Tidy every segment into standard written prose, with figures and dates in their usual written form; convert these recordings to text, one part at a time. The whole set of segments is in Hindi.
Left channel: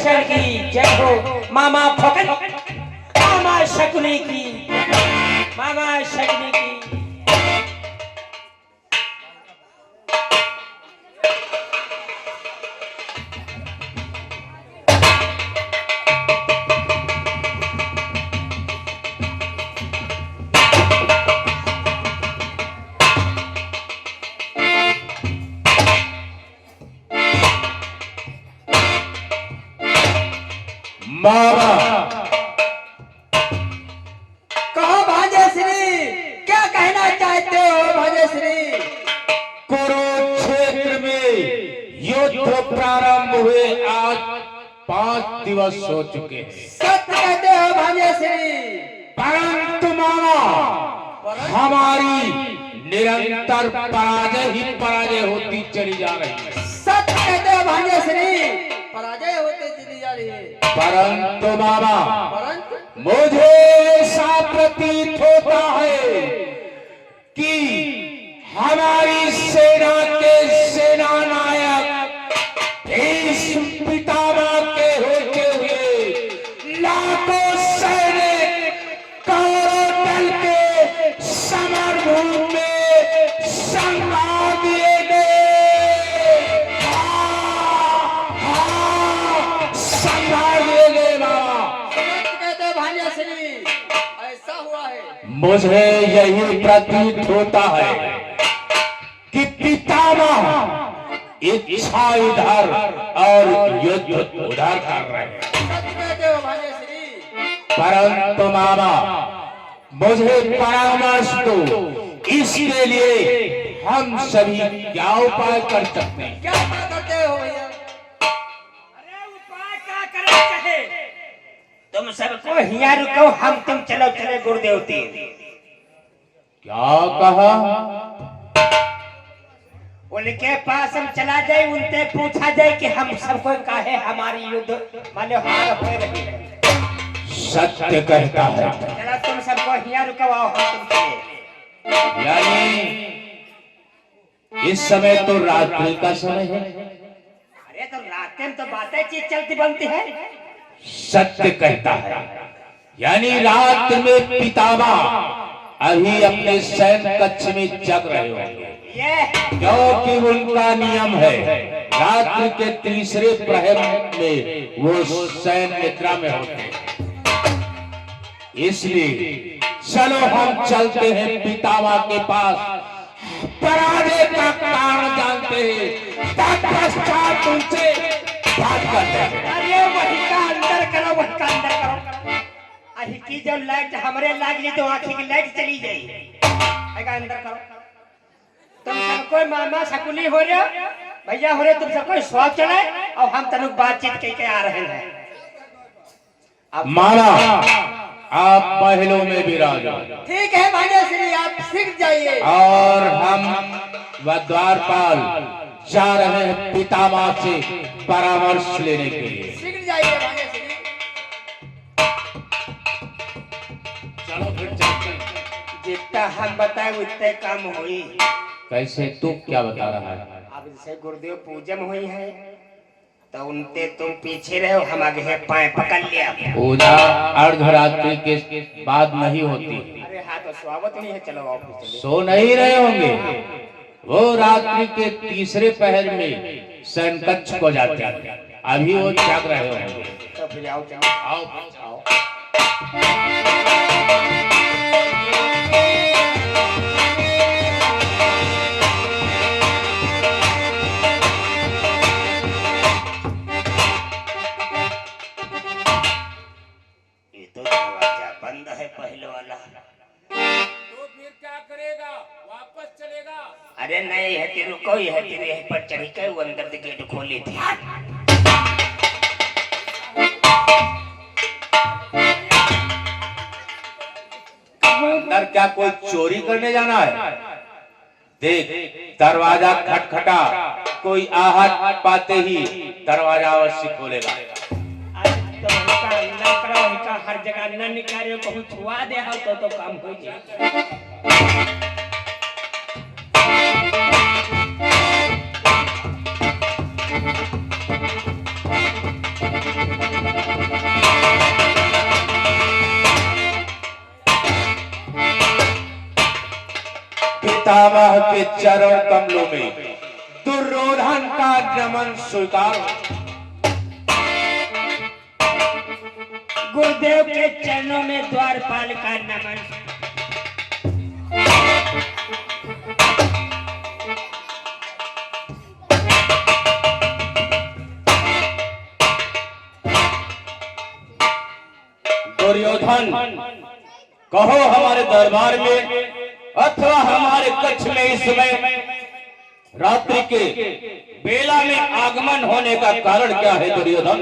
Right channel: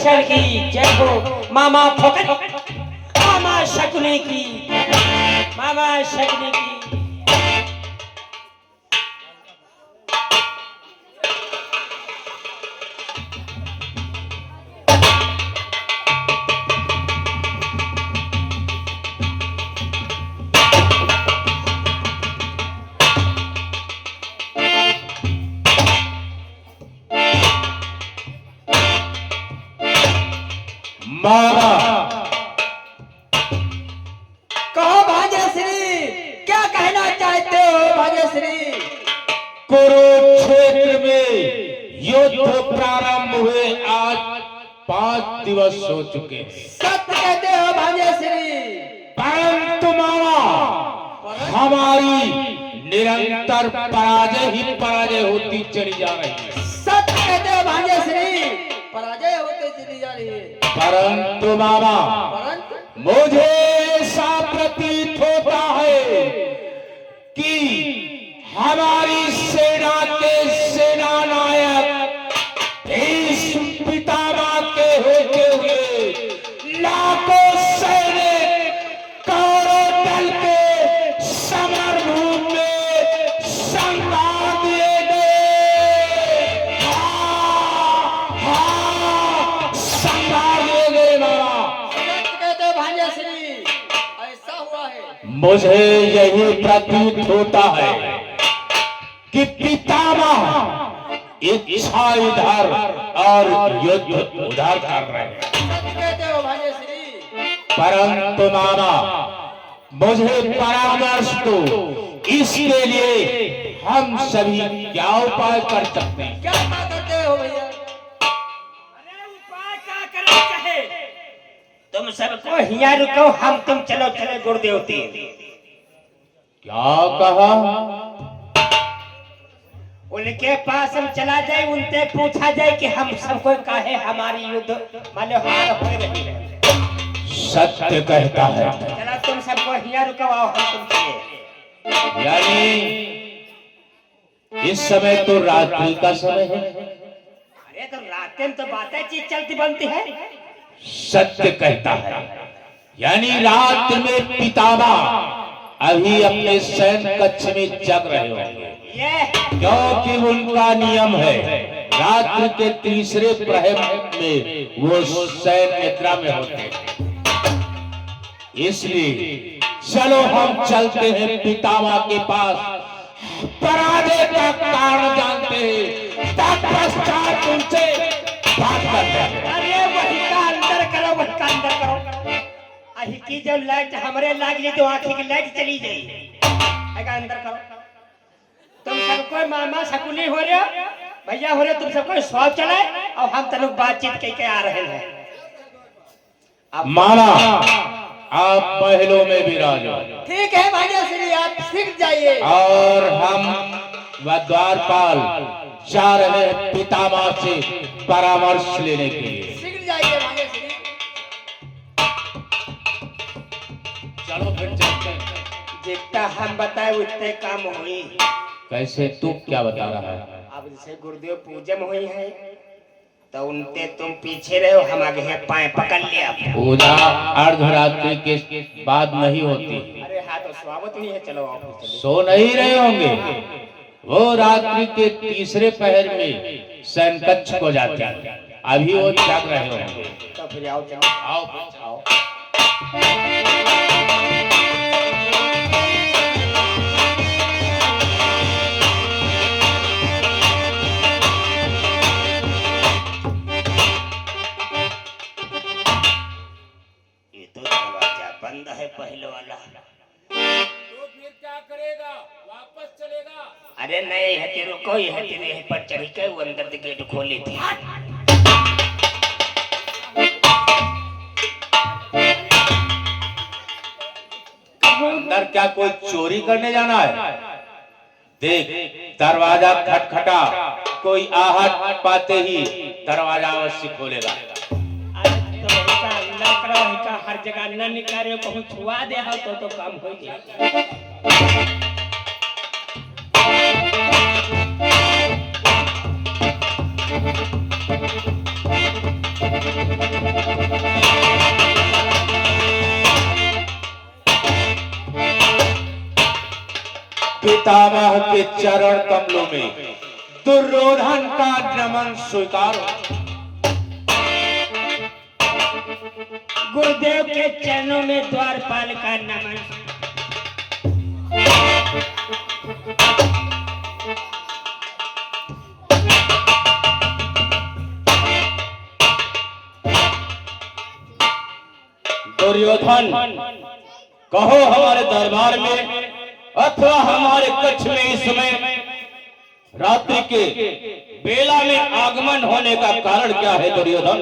शक्शन की जय हो। मामा फकत मामा शकुनी की, मामा शकुनी की। मामा कहो भाग्यश्री, क्या कहना चाहते हो भाग्यश्री? कुरुक्षेत्र में युद्ध प्रारंभ हुए आज 5 दिवस हो चुके हैं। सत्य कहते हो भाग्यश्री। परंतु मामा हमारी निरंतर पराजय ही पराजय होती चली जा रही है। सत्य कहते हो भाग्यश्री, पराजय होते चली जा रही है। परंतु मामा परंतु मुझे ऐसा प्रतीत होता है कि हमारी सेना के सेना नायक भीष्म पितामह के होते हुए लाखों सैनिक कौरव दल के समरभूमि में संभाल दिए गए। संभाल दिए गए मामा। सत्य कहते हो भाग्यश्री, ऐसा हुआ है। मुझे यही प्रतीत होता है कि पितामह इच्छा इधर और युद्ध उधर कर रहे हैं। सत्य कहते हो भाग्यश्री। परंतु मामा मुझे परामर्श दो, इसके लिए हम सभी क्या उपाय कर सकते हैं? क्या उपाय करते हो भैया? अरे उपाय क्या करना चाहे? तुम सबको हिया रुको, हम तुम चलो चले गुरुदेवती। क्या कहा? उनके पास हम चला जाए, उनसे पूछा जाए कि हम सबको काहे हमारी युद्ध माने हार हो रही है। सत्य कहता है। चलो तुम सबको हिया रुकवाओ, हम तुमसे। यानी इस समय तो रात्रि का समय है। अरे तो रात में तो बातें चीज चलती बनती है। सत्य कहता है, यानी रात में पितामह अभी अपने शयन कक्ष में जग रहे होंगे, ये क्योंकि उनका नियम है रात्रि के तीसरे प्रहर में वो शयन निद्रा में होते हैं। इसलिए चलो हम चलते हैं पितामह के पास, पराजय का कारण जानते हैं, तत्पश्चात उनसे बात करते हैं। अरे वही का अंदर करो, वही का अंदर करो। अही की जो लाइट हमरे लाग गई तो आंखी की लाइट चली गई। एका अंदर करो। तुम सबको मामा शकुनी हो रहे हो, भैया हो रहे, तुम सबको स्वाद चढ़ाए और हम तनुक बातचीत करके आ रहे हैं। मामा आप पहलों में विराजो ठीक है भाग्यश्री, आप सीख जाइए। और हम व द्वारपाल जा रहे हैं पितामह से परामर्श लेने के लिए। सीख जाइए भाग्यश्री। चलो फिर चलते हैं। जितना हम बताए उतने काम हुई। कैसे? तू क्या बता रहा है? अब जैसे गुरुदेव पूजन हुई है तो उनते तुम पीछे रहो, हम आगे है पाए पकड़ लिया। पूजा अर्धरात्रि के बाद नहीं होती। अरे हाँ तो स्वागत नहीं है, चलो ऑफिस चलो। सो नहीं रहे होंगे, वो रात्रि के तीसरे पहर में शयन कक्ष को जाते हैं, अभी वो जाग रहे होंगे। तो फिर आओ चलो। आओ आओ। ये तो दरवाजा बंद है पहले वाला। तो फिर क्या करेगा? वापस चलेगा? अरे नहीं है तेरे को, है तेरे यहीं पर चढ़ी के वो अंदर से गेट खोली थी। अंदर क्या कोई चोरी करने जाना है? देख दरवाजा खटखटा, कोई आहट पाते ही दरवाजा अवश्य खोलेगा। तो का ना करो, का हर जगह न निकाले, कहूं छुआ दे हो तो काम हो जाए। पितामह के चरण कमलों में दुर्योधन का नमन स्वीकार। गुरुदेव के चरणों में द्वारपाल का नमन। दुर्योधन, कहो हमारे दरबार में अथवा हमारे कक्ष में इस समय रात्रि के बेला में आगमन होने का कारण क्या है दुर्योधन?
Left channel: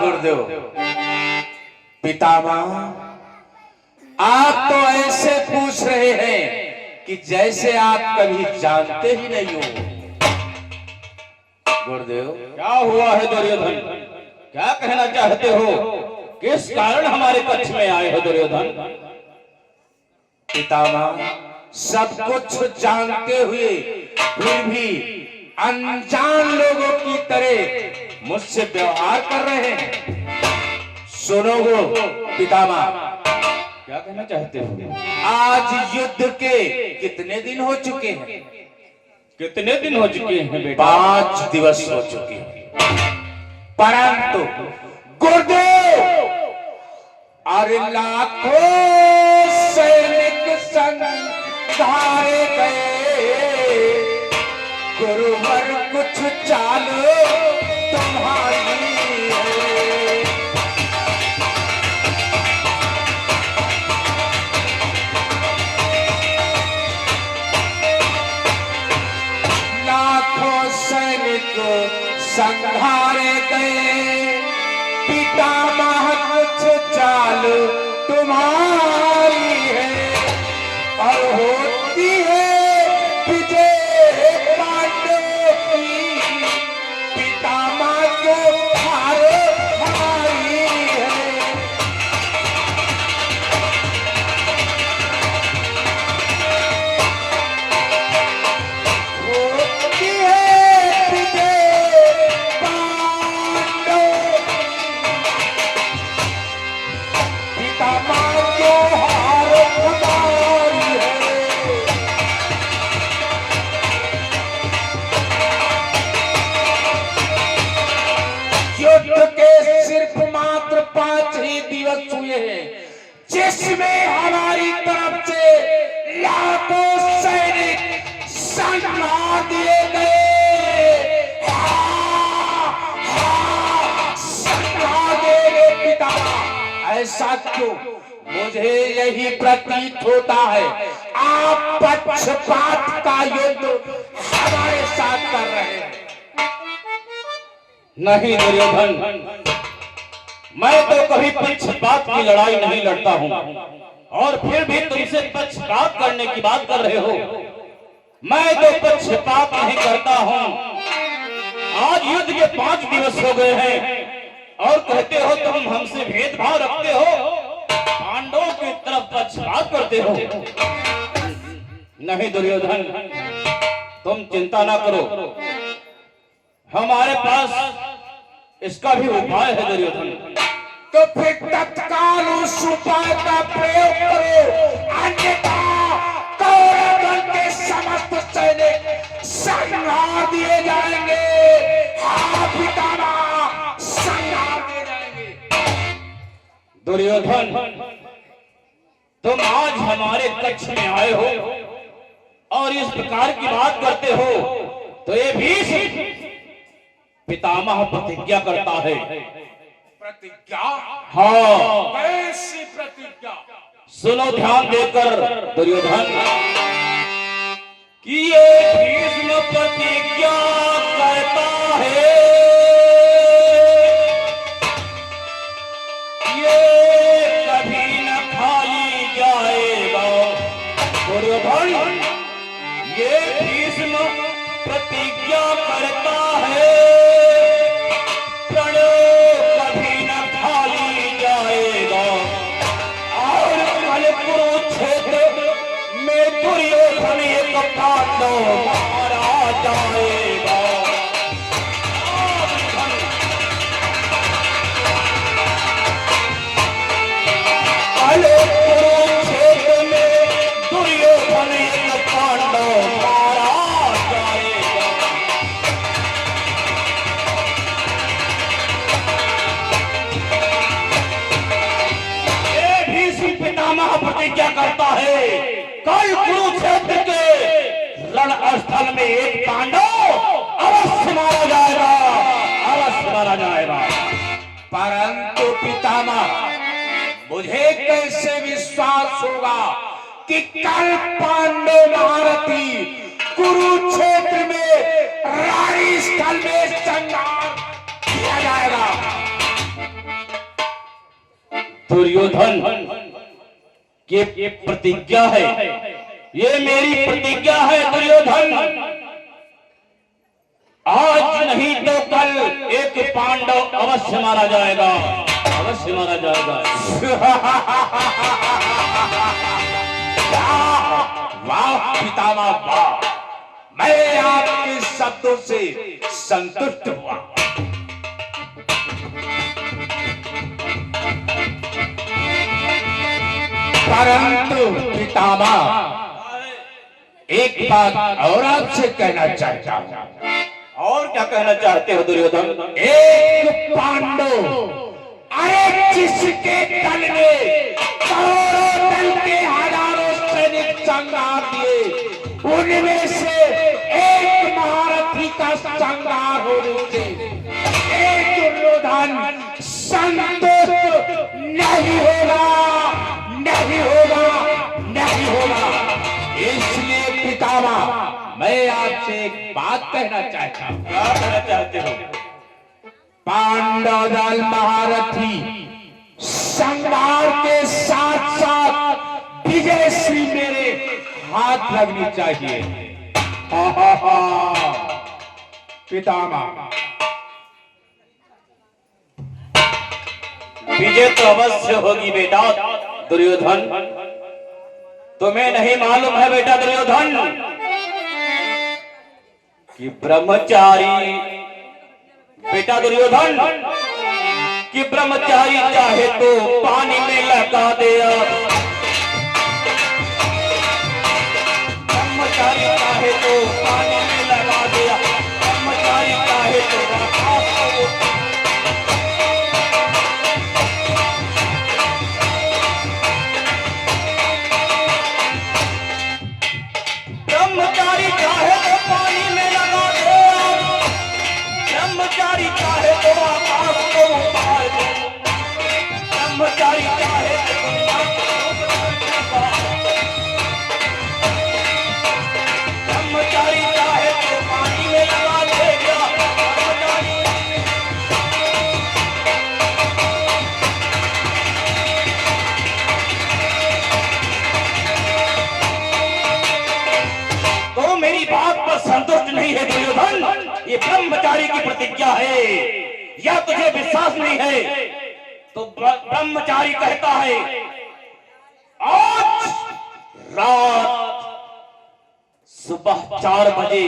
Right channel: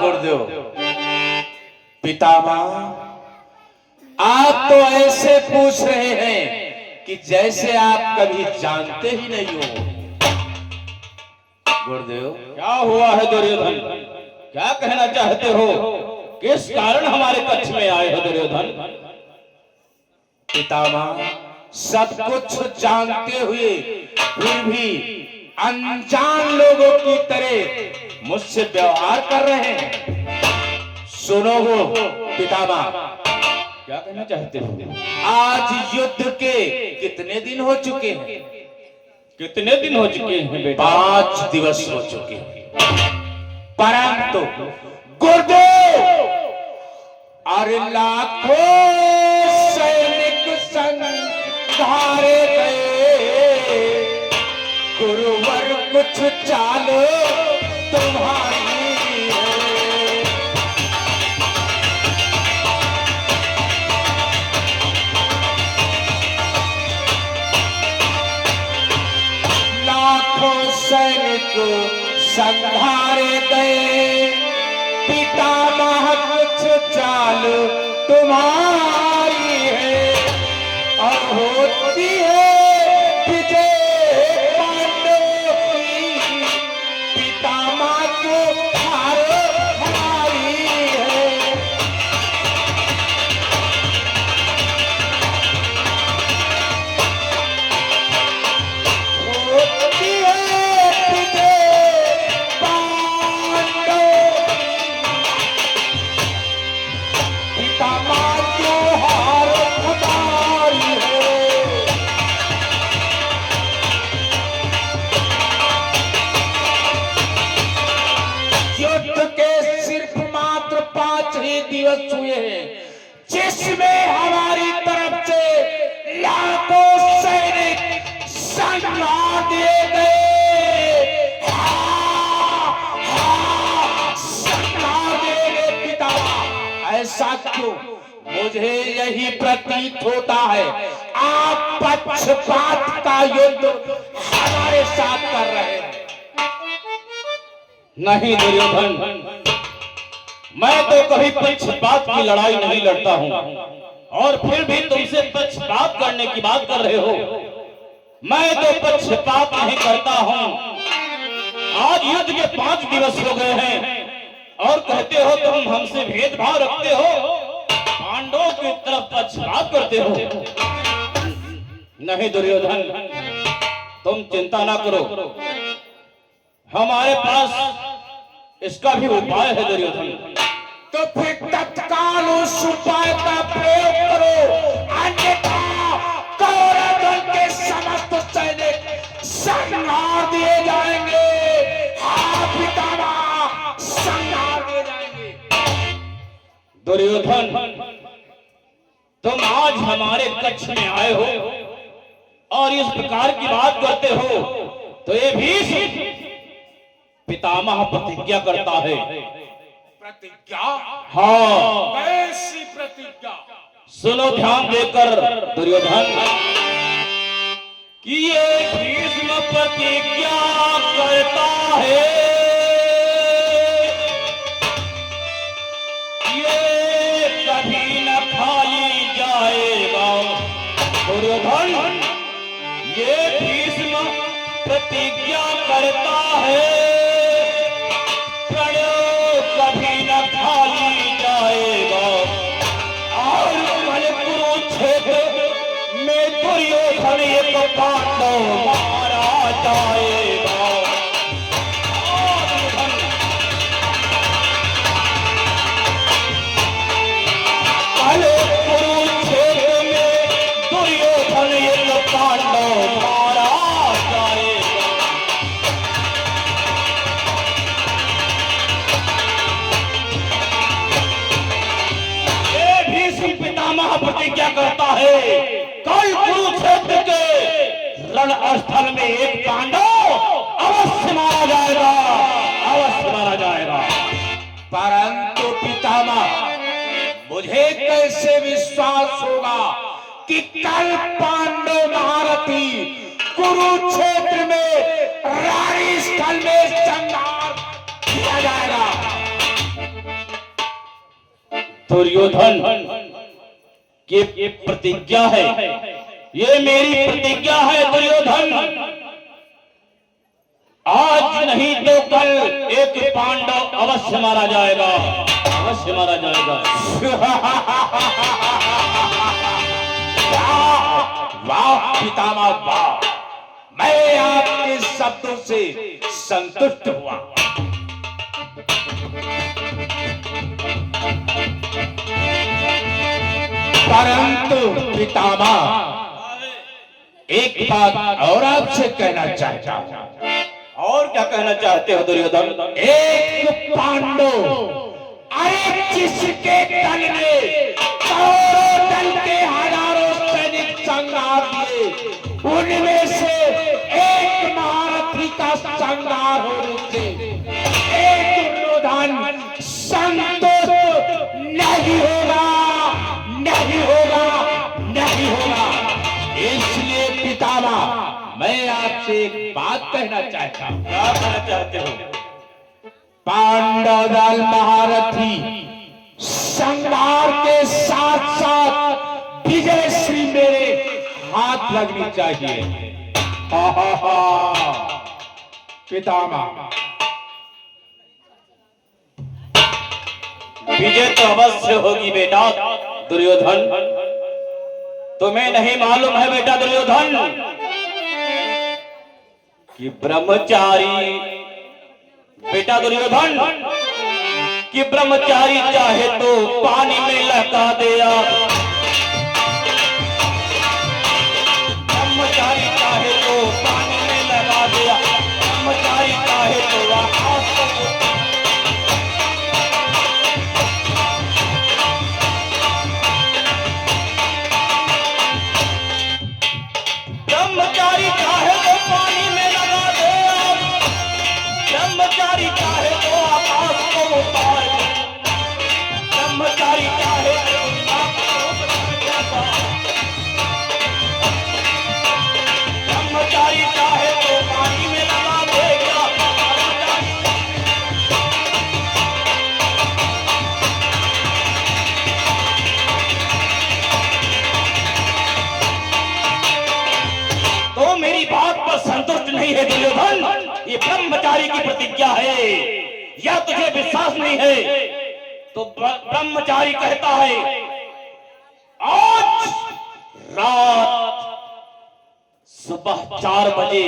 गुरुदेव, पितामह, आप तो ऐसे पूछ रहे हैं कि जैसे आप कभी जानते ही नहीं हो। गुरुदेव, क्या हुआ है दुर्योधन? क्या कहना चाहते हो? किस कारण हमारे कक्ष में आए हो दुर्योधन? पितामह, सब कुछ जानते हुए फिर भी अनजान लोगों की तरह मुझसे व्यवहार कर रहे हैं। सुनो पितामह, क्या कहना चाहते हो? आज युद्ध के कितने दिन हो चुके हैं? कितने दिन हो चुके हैं बेटा? 5 दिवस हो चुके हैं। परंतु गुरुदेव, अरे लाखों सैनिक संघारे गए, गुरुवर कुछ चाल तुम्हारी है। लाखों सैनिक संघारे गए, पितामह कुछ चाल तुम्हारी है, और होती है विजय पांडव की, पितामह को हार हमारी है। होती है विजय पांडव, पितामह को हार हमारी है। युद्ध के सिर्फ मात्र 5 ही दिवस हुए हैं, जिसमें हमारी तरफ से लाखों सैनिक संघार दिए गए। संघार दिए गए पिता। ऐसा क्यों? मुझे यही प्रतीत होता है आप पक्षपात का युद्ध हमारे साथ कर रहे हैं। नहीं दुर्योधन, मैं तो कभी पक्षपात की लड़ाई नहीं लड़ता हूँ, और फिर भी तुमसे पक्षपात करने की बात कर रहे हो। मैं तो पक्षपात नहीं करता हूँ। आज युद्ध के 5 दिवस हो गए हैं और कहते हो तुम हमसे भेदभाव रखते हो, पांडवों की तरफ पक्षपात करते हो। नहीं दुर्योधन, तुम चिंता ना करो, हमारे पास इसका भी उपाय है दुर्योधन। तो फिर तत्काल उस उपाय का प्रयोग करो, अन्यथा दुर्योधन के समस्त सैनिक संहार दिए जाएंगे। हाँ पितामह, संहार दिए जाएंगे। दुर्योधन, तुम आज हमारे कक्ष में आए हो और इस प्रकार की बात करते हो, तो ये भी पितामह प्रतिज्ञा करता है। प्रतिज्ञा? हाँ। कैसी प्रतिज्ञा? सुनो ध्यान देकर दुर्योधन, कि ये भीष्म प्रतिज्ञा करता है, ये कभी न खाई जाएगा। दुर्योधन, ये भीष्म प्रतिज्ञा करता है, कभी न खाली जाएगा, और कल कुरुक्षेत्र में दुर्योधन एक पांडव मारा जाए। प्रतिज्ञा करता है, कल कुरुक्षेत्र के रण स्थल में एक पांडव अवश्य मारा जाएगा, अवश्य मारा जाएगा। परंतु पितामह, मुझे कैसे विश्वास होगा कि कल पांडव महारथी कुरुक्षेत्र में रानी स्थल में संहार किया जाएगा? दुर्योधन, ये प्रतिज्ञा है, ये मेरी प्रतिज्ञा है दुर्योधन। आज नहीं तो कल एक पांडव अवश्य मारा जाएगा, अवश्य मारा जाएगा। वाह पितामह वाह, मैं आपके शब्दों से संतुष्ट हुआ। परंतु पितामह, एक बात और आपसे कहना चाहता हूं। और क्या कहना चाहते हो दुर्योधन? एक पांडव, अरे जिसके दल ने करोड़ों दल के हजारों सैनिक संहार दिए, उनमें से एक महारथी का संहार होने से एक दुर्योधन संतुष्ट नहीं होगा, नहीं होगा, नहीं होगा। इसलिए पितामह, मैं आपसे एक बात कहना चाहता हूं। क्या कहना चाहते हो? पांडव दल महारथी संहार के साथ साथ विजय श्री मेरे हाथ लगनी चाहिए। पितामह, विजय तो अवश्य होगी बेटा दुर्योधन। तुम्हें नहीं मालूम है बेटा दुर्योधन कि ब्रह्मचारी, बेटा दुर्योधन, कि ब्रह्मचारी चाहे तो पानी में लहका दे, ब्रह्मचारी चाहे तो पानी में लगा दे, ब्रह्मचारी चाहे तो आकाश को, ब्रह्मचारी चाहे तो पानी में लगा दे, ब्रह्मचारी चाहे तो आकाश को उतार दे, ब्रह्मचारी चाहे ब्रह्मचारी चाहे तो पानी में लगा देगा, तो मेरी बात पर संतुष्ट नहीं है दुर्योधन। ये ब्रह्मचारी की प्रतिज्ञा है, या तुझे विश्वास नहीं है तो ब्रह्मचारी कहता है, आज रात सुबह 4 बजे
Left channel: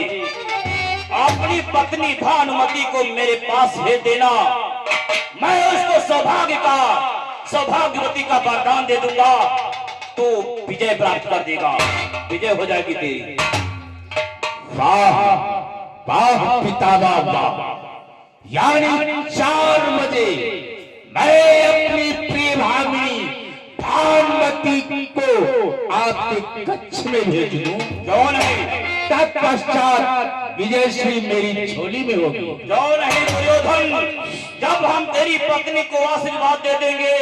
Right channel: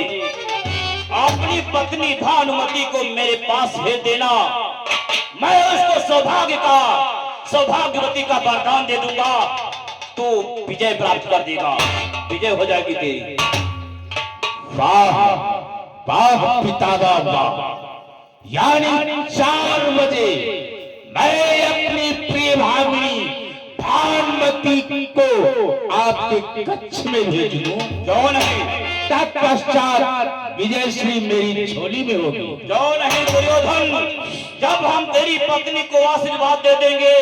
अपनी पत्नी भानुमति को मेरे पास भेज देना। मैं उसको सौभाग्यवती का वरदान दे दूंगा, तो विजय प्राप्त कर देगा, विजय हो जाएगी तेरी। वाह वाह पितामह वाह, यानी 4 बजे मैं अपनी प्रिय भाभी भानुमति को आपके कक्ष में भेज दूं, क्यों नहीं? तत्पश्चात विजय श्री मेरी झोली में होगी। क्यों नहीं दुर्योधन? जब हम तेरी पत्नी को आशीर्वाद दे देंगे,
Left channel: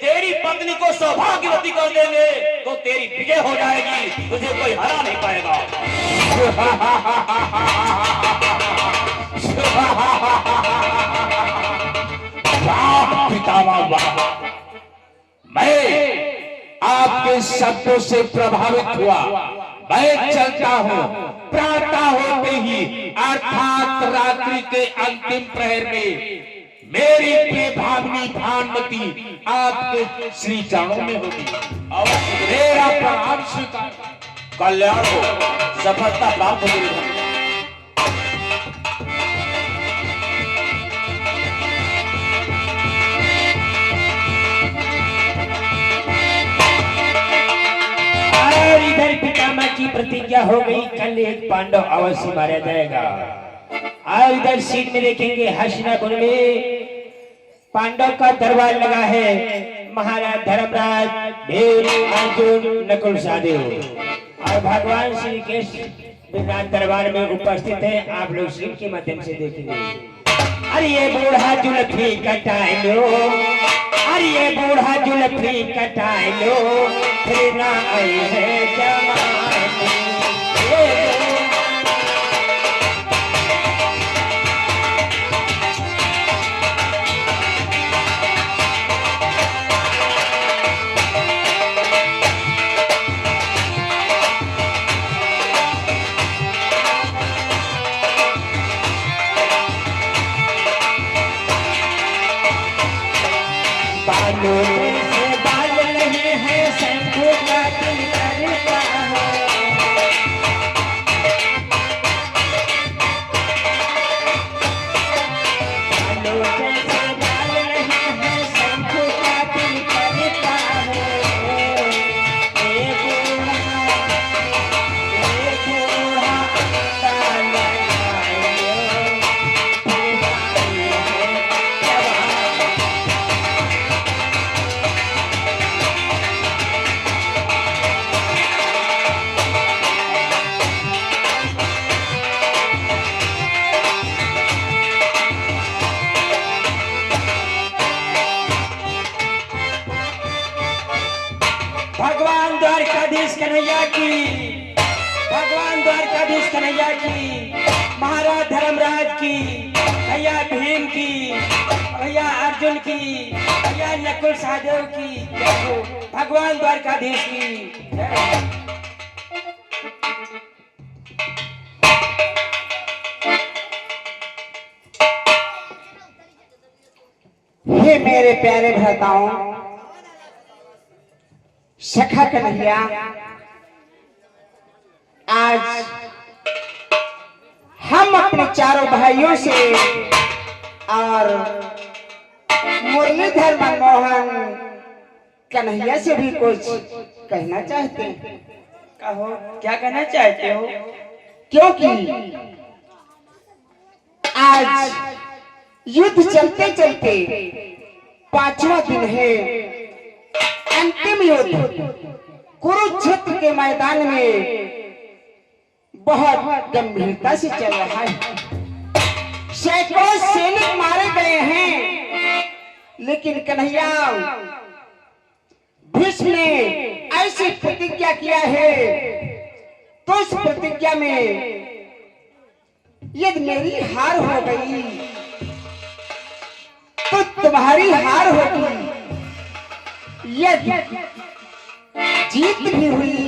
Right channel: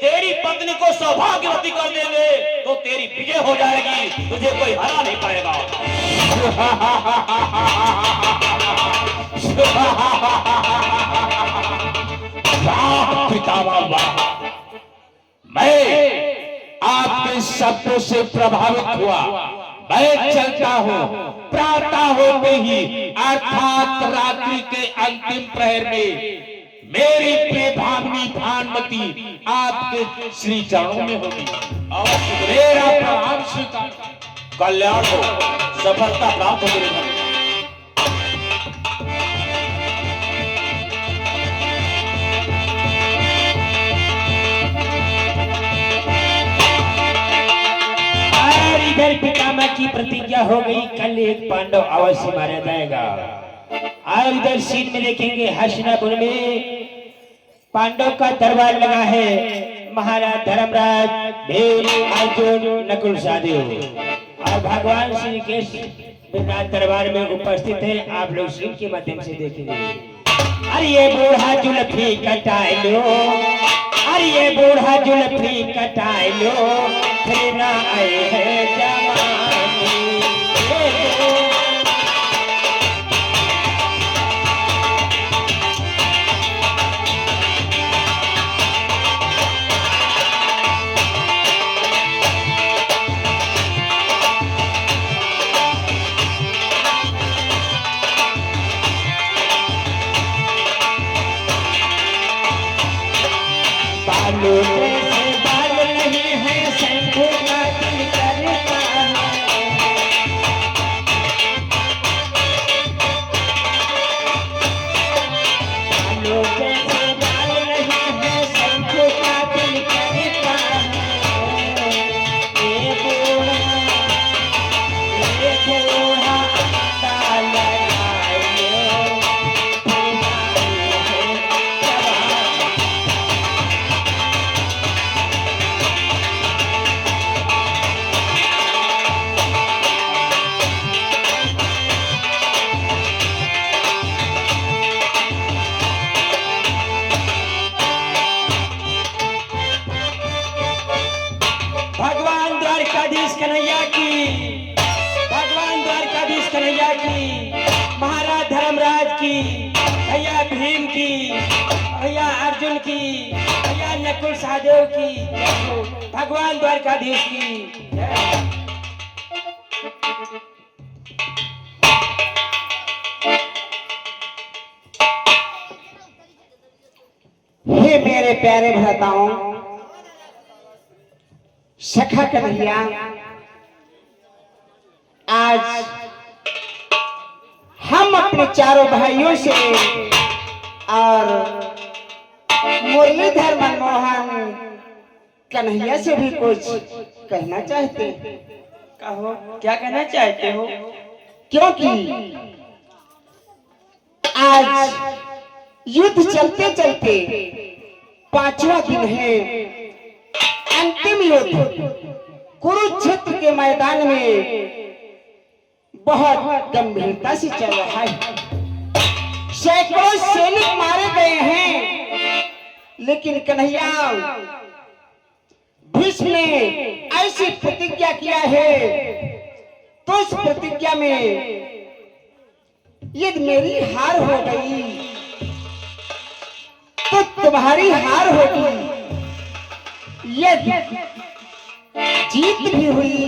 तेरी पत्नी को सौभाग्यवती कर देंगे, तो तेरी विजय हो जाएगी, तुझे कोई हरा नहीं पाएगा। वाह पितामह वाह, मैं आपके शब्दों से प्रभावित हुआ। मैं चलता हूँ, प्रातः होते ही अर्थात रात्रि के अंतिम प्रहर में मेरी प्रिय भावनी भानुमति आपके श्री चरणों में होगी। मेरा प्रणाम स्वीकार। कल्याण हो, सफलता प्राप्त हो दुर्योधन। और इधर पितामह की प्रतिज्ञा हो गई, कल एक पांडव अवश्य मारा जाएगा। और इधर सीट में देखेंगे हस्तिनापुर में पांडव का दरबार लगा है, महाराज धर्मराज, भीम, अर्जुन, नकुल सहदेव और भगवान श्री कृष्ण विराट दरबार में उपस्थित है। आप लोग स्क्रीन के माध्यम से देखेंगे। अरे ये बूढ़ा जुल्फी कटाए लो, अरे ये बूढ़ा जुल्फी कटाए लो, फिर ना आए है जमाने। बालों में से बाल नहीं है, शंखों का दिल करता है। बालों में से बाल नहीं है, शंखों का दिल करता है। एक बूढ़ा अंडा लगाए लो, फिर आई है जवानी। भगवान द्वारकाधीश कन्हैया की, भगवान द्वारकाधीश कन्हैया की, महाराज धर्मराज की, भैया भीम की, भैया अर्जुन की, भैया नकुल सहदेव की जय हो। भगवान द्वारकाधीश की जय। हे मेरे प्यारे भ्राताओं, सखा कन्हैया, आज हम अपने चारों भाइयों से और मुरलीधर मनमोहन कन्हैया से भी कुछ कहना चाहते हैं। कहो, क्या कहना चाहते हो? क्योंकि आज युद्ध चलते चलते 5वां दिन है, अंतिम युद्ध कुरुक्षेत्र के मैदान में बहुत गंभीरता से चल रहा है। सैकड़ों सैनिक मारे गए हैं, लेकिन कन्हैया, भीष्म ने ऐसी प्रतिज्ञा किया है, तो उस प्रतिज्ञा में यदि मेरी हार हो गई तो तुम्हारी हार होगी, यदि जीत भी हुई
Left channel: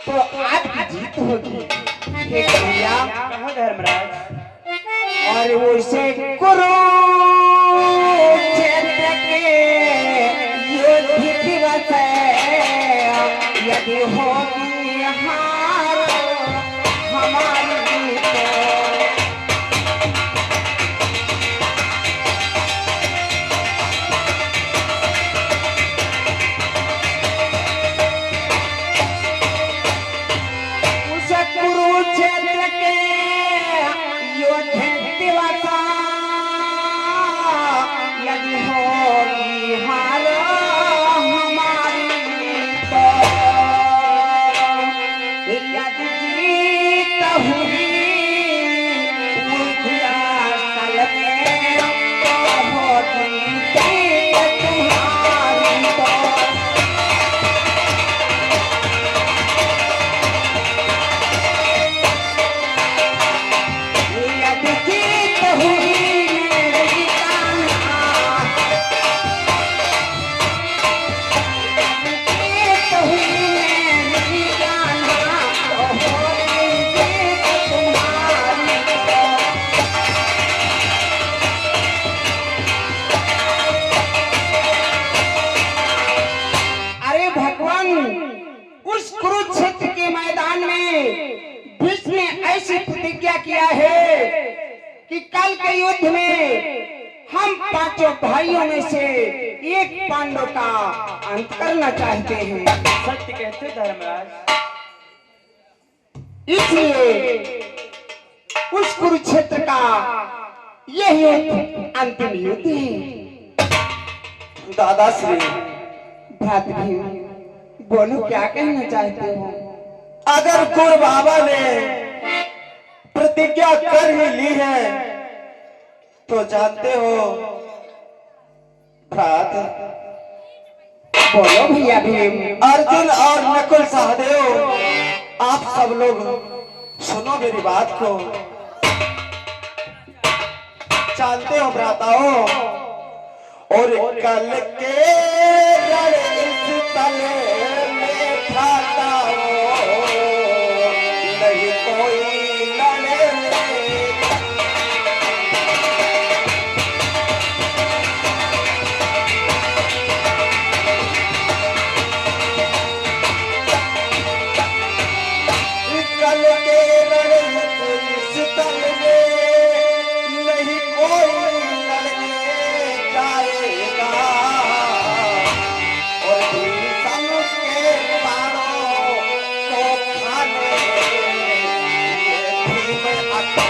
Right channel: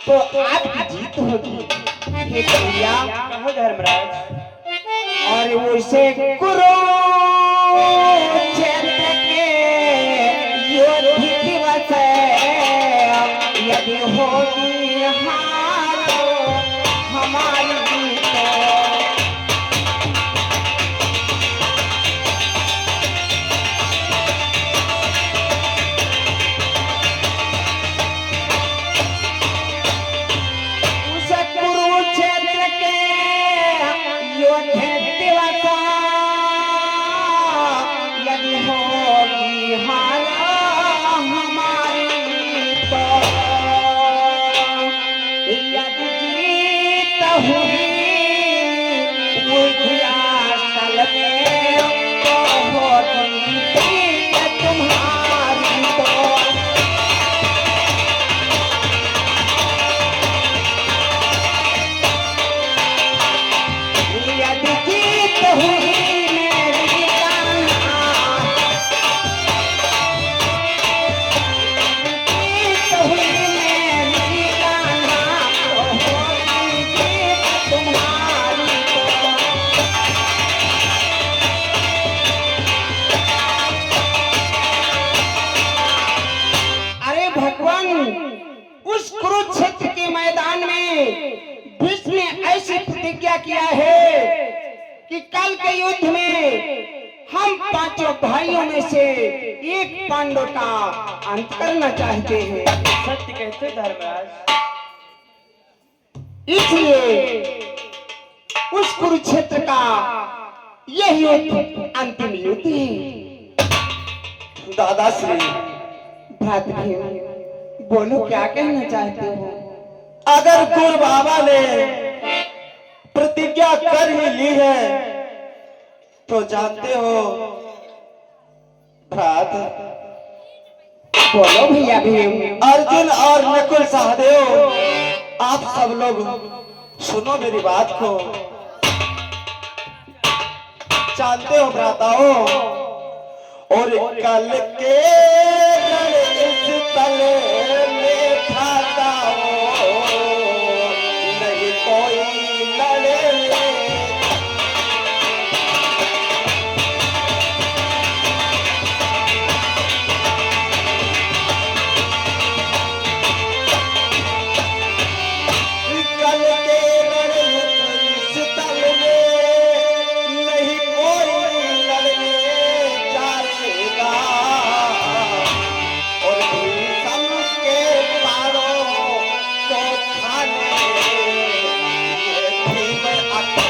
तो आपकी जीत होगी। हे कन्हैया, कहो धर्मराज। और उसे कुरुक्षेत्र के युद्ध दिवस यदि होगी हार हमारी तो किया है कि कल के युद्ध में हम पांचों भाइयों में से एक पांडव का अंत करना चाहते हैं। सत्य कहते धर्मराज। इसलिए उस कुरुक्षेत्र का यह युद्ध अंतिम युद्ध है। दादाश्री, भ्रात भीम, बोलो क्या कहना चाहते हो? अगर गुरु बाबा ने प्रतिज्ञा कर ही ली है तो जानते हो भ्रात, बोलो भैया भीम। अर्जुन और नकुल सहदेव, आप सब लोग सुनो मेरी बात को। जानते हो भ्राताओ, और कल के इस तल में भ्राताओ नहीं कोई लड़े। कल के इस तल में नहीं कोई लड़ने जाएगा, और भीषम के मारो तो खाने ये भीम आता।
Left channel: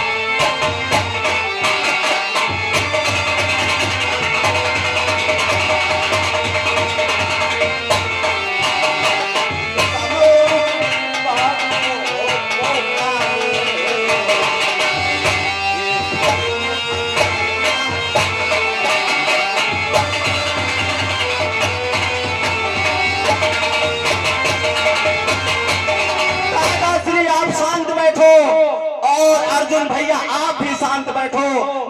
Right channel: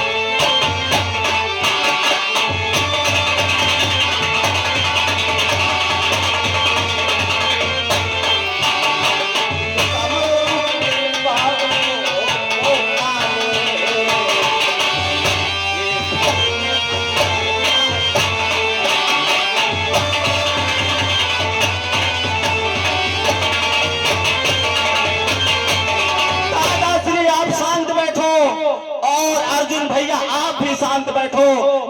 दादाश्री, आप शांत बैठो, और अर्जुन भैया आप भी शांत बैठो,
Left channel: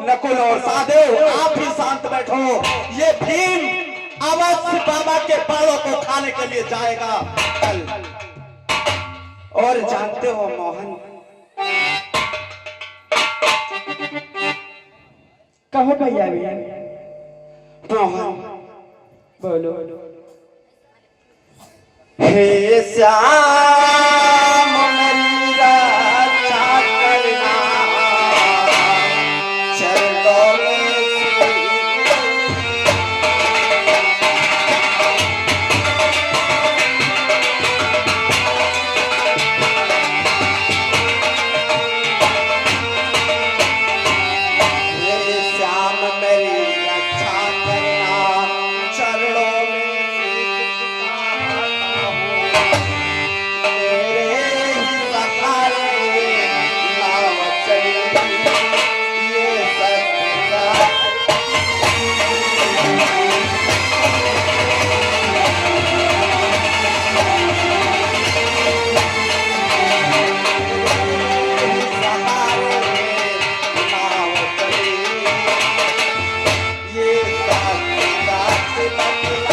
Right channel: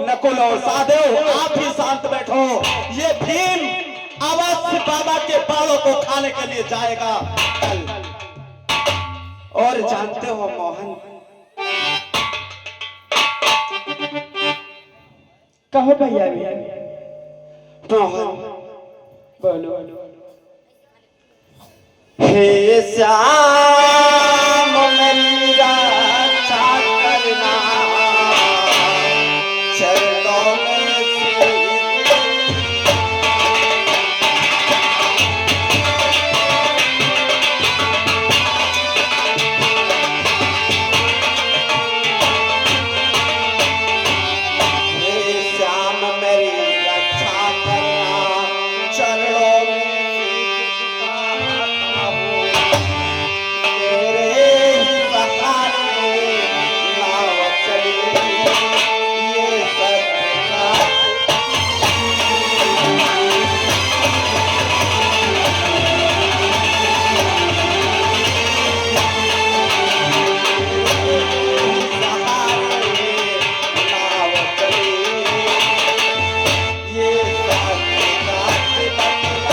नकुल और सहदेव आप भी शांत बैठो। ये भीम अवश्य बाबा के बालों को खाने के लिए जाएगा कल। और जानते हो मोहन, कहो भैया भीम, मोहन, बोलो। हे श्याम मेरी रक्षा करना, चरणों में हे श्याम मेरी रक्षा करना, चरणों में मेरे ही सहारे नाव चली, ये सत्य सहारे नाव चली, ये सत्य बतला।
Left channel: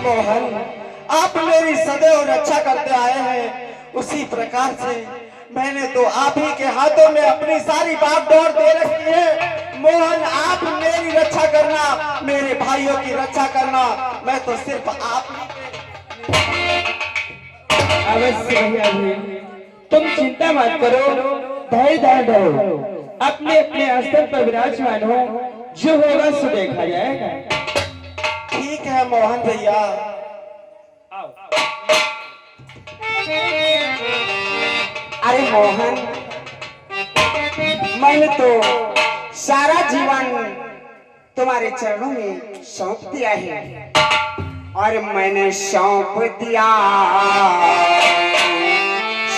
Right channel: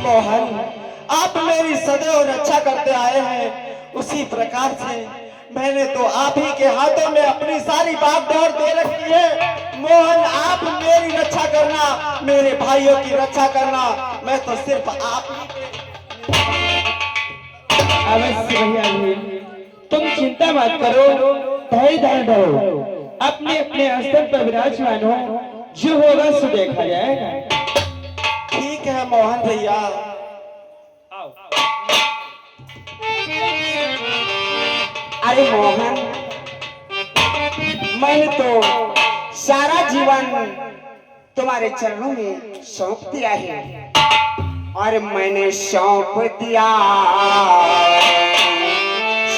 मोहन, आप मेरी सदैव रक्षा करते आए हैं, उसी प्रकार से मैंने तो आप ही के हाथों में अपनी सारी बागडोर दे रखी है। मोहन, आप मेरी रक्षा करना, मेरे भाइयों की रक्षा करना, मैं तो सिर्फ आप ही अवश्य भैया भीम, तुम चिंता मत करो, धैर्य धारण धरो, अपने अपने स्तर पर विराजमान हो, जो होगा सो देखा जाएगा। ठीक है मोहन भैया। अरे मोहन, मैंने तो सारा जीवन तुम्हारे चरणों में सौंप दिया है, और मैंने सौंप दिया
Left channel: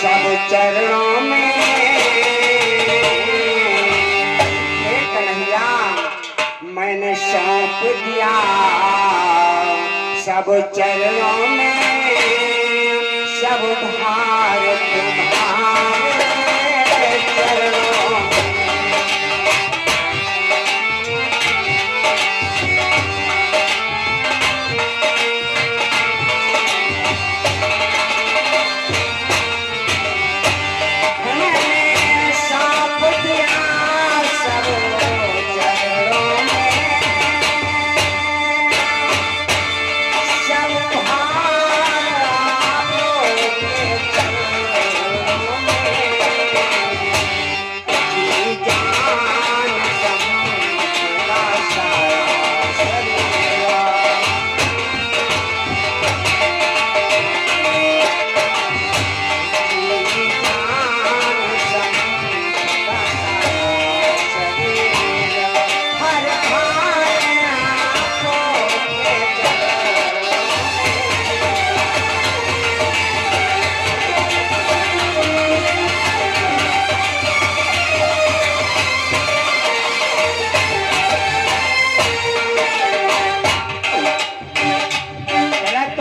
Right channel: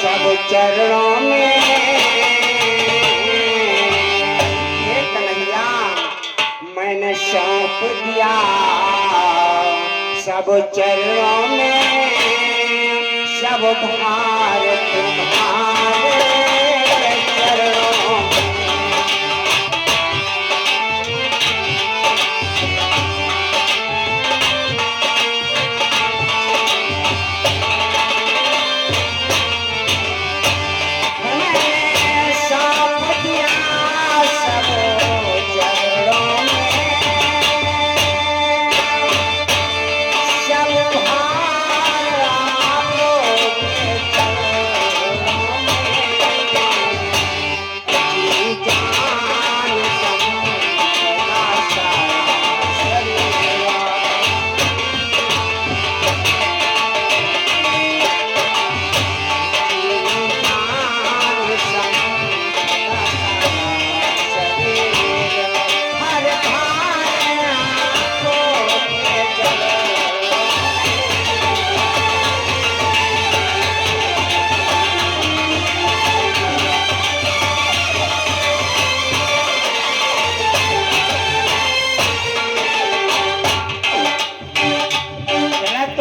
सब चरणों में। हे कन्हैया, मैंने सौंप दिया सब चरणों में, सब भार तुम्हारे चरणों में। मैंने सौंप दिया सब चरणों में, सब भार आपके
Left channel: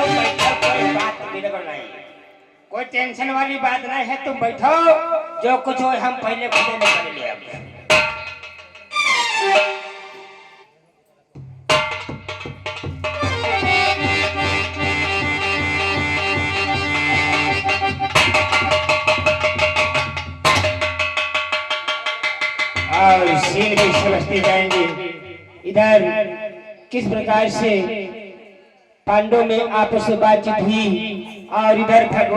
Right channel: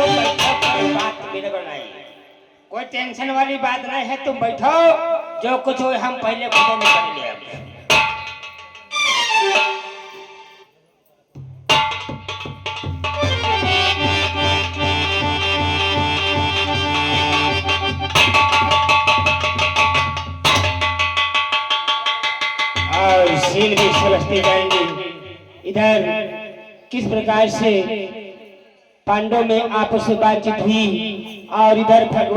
तुम बैठो, कोई बात बिगड़ नहीं, कोई टेंशन वाली बात नहीं है, तुम बैठो, जो कुछ हो हम पहले खुद निकल ले आएंगे। और सीन भी समझते जाएंगे इधर किस प्रकार से पांडवों में आपस में बातचीत हुई और इधर भगवान